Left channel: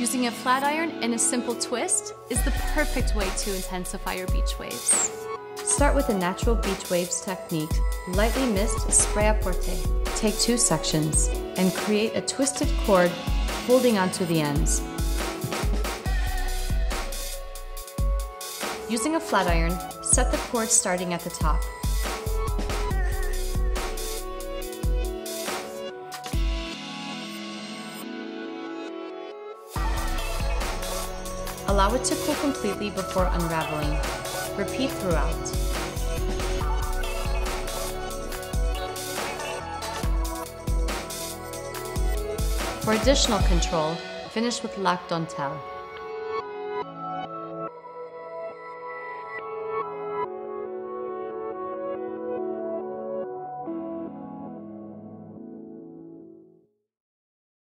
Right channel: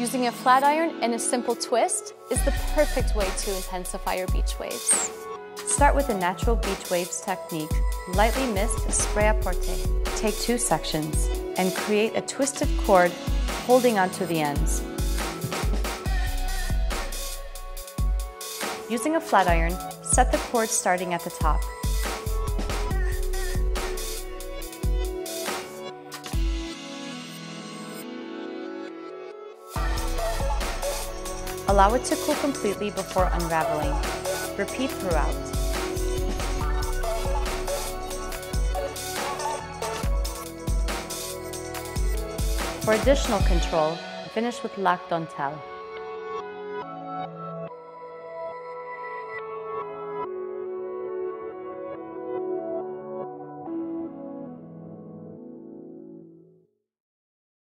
Using a flat iron and a simple twist is the perfect way to intensify your beach waves. Start with a natural beach waves technique. Lightly mist spray à porter. Take 2 sections and create a twisted cord holding onto the ends. Using a flat iron, set the cord starting at the top. Allow it to cool completely before unraveling. Repeat throughout. For additional control, finish with lac dentelle.